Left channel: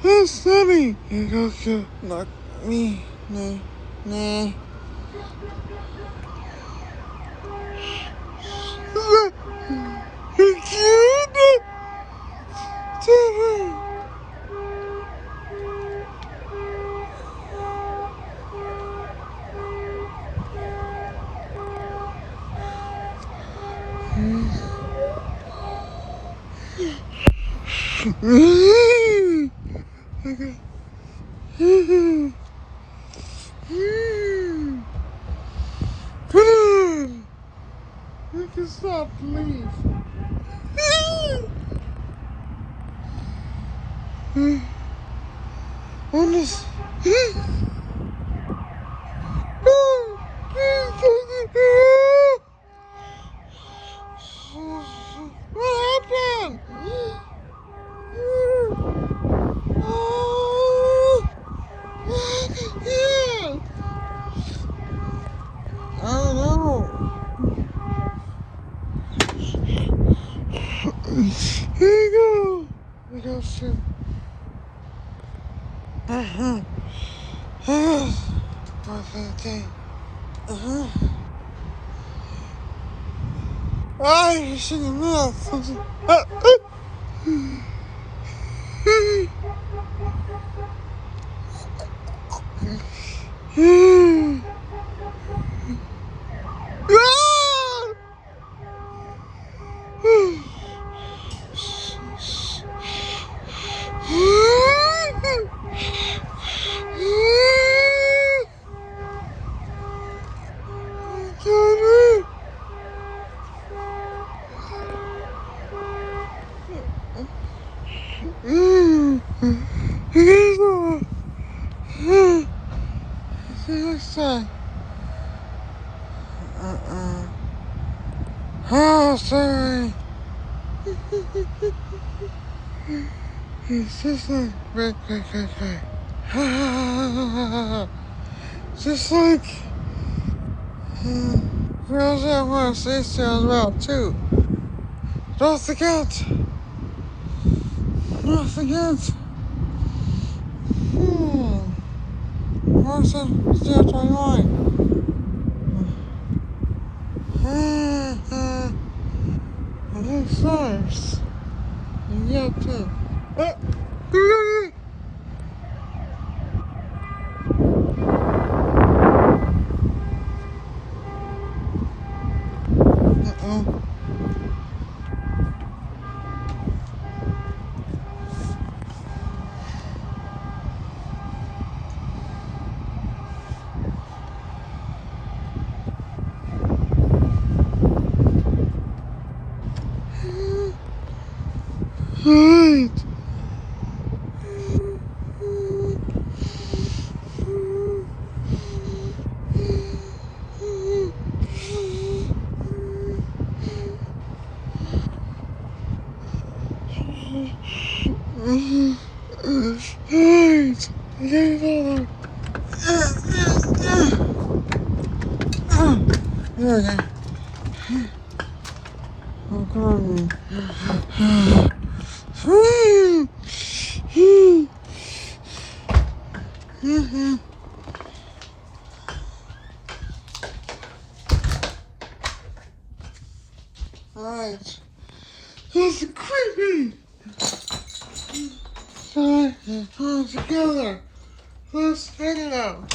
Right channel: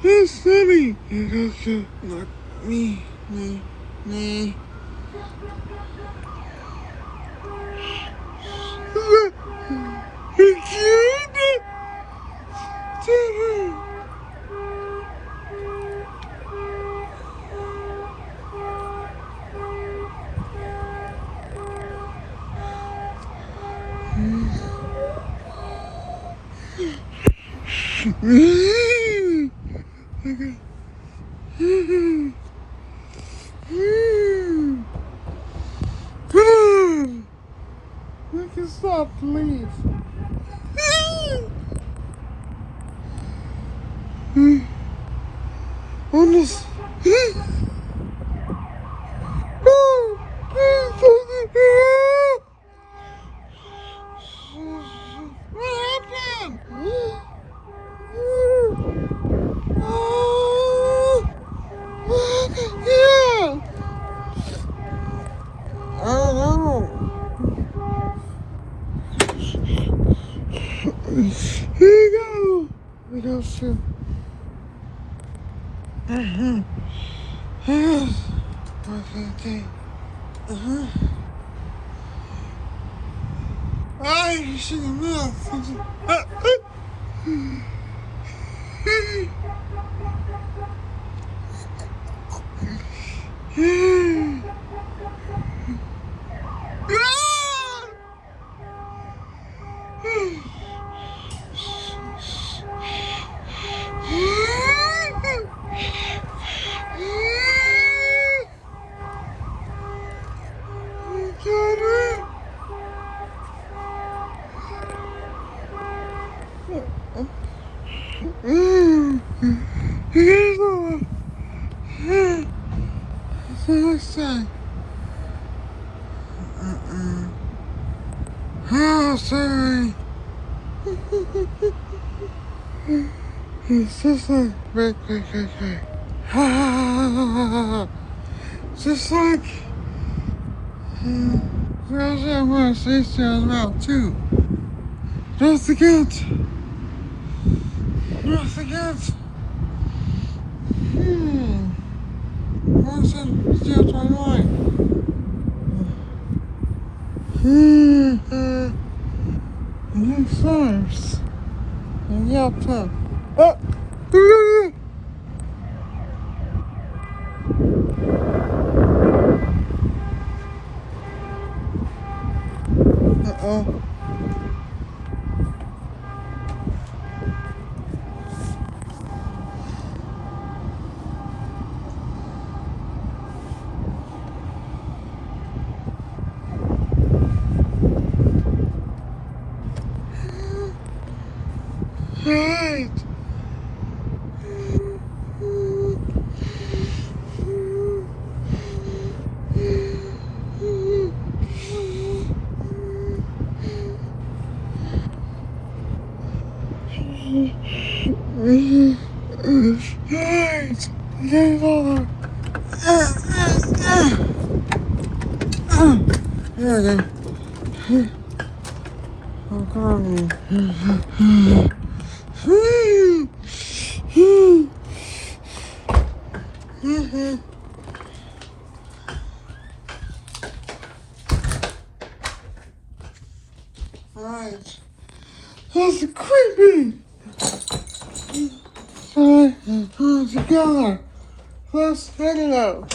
That's funny. It's also not me. Nah. We can stop, please. On this. What happened? Yeah. I don't know. Here you go. We don't shoot. Okay. I should have known something. Oh, sorry. It's just like, right. Just like, girls that want to see sounds about too. Don't forget. What's that? Still 21. First. And yeah, 10. Oh! Alright. Alright. Get over. Yeah. Alright. That's creepy. So, pull together. Let's get it out.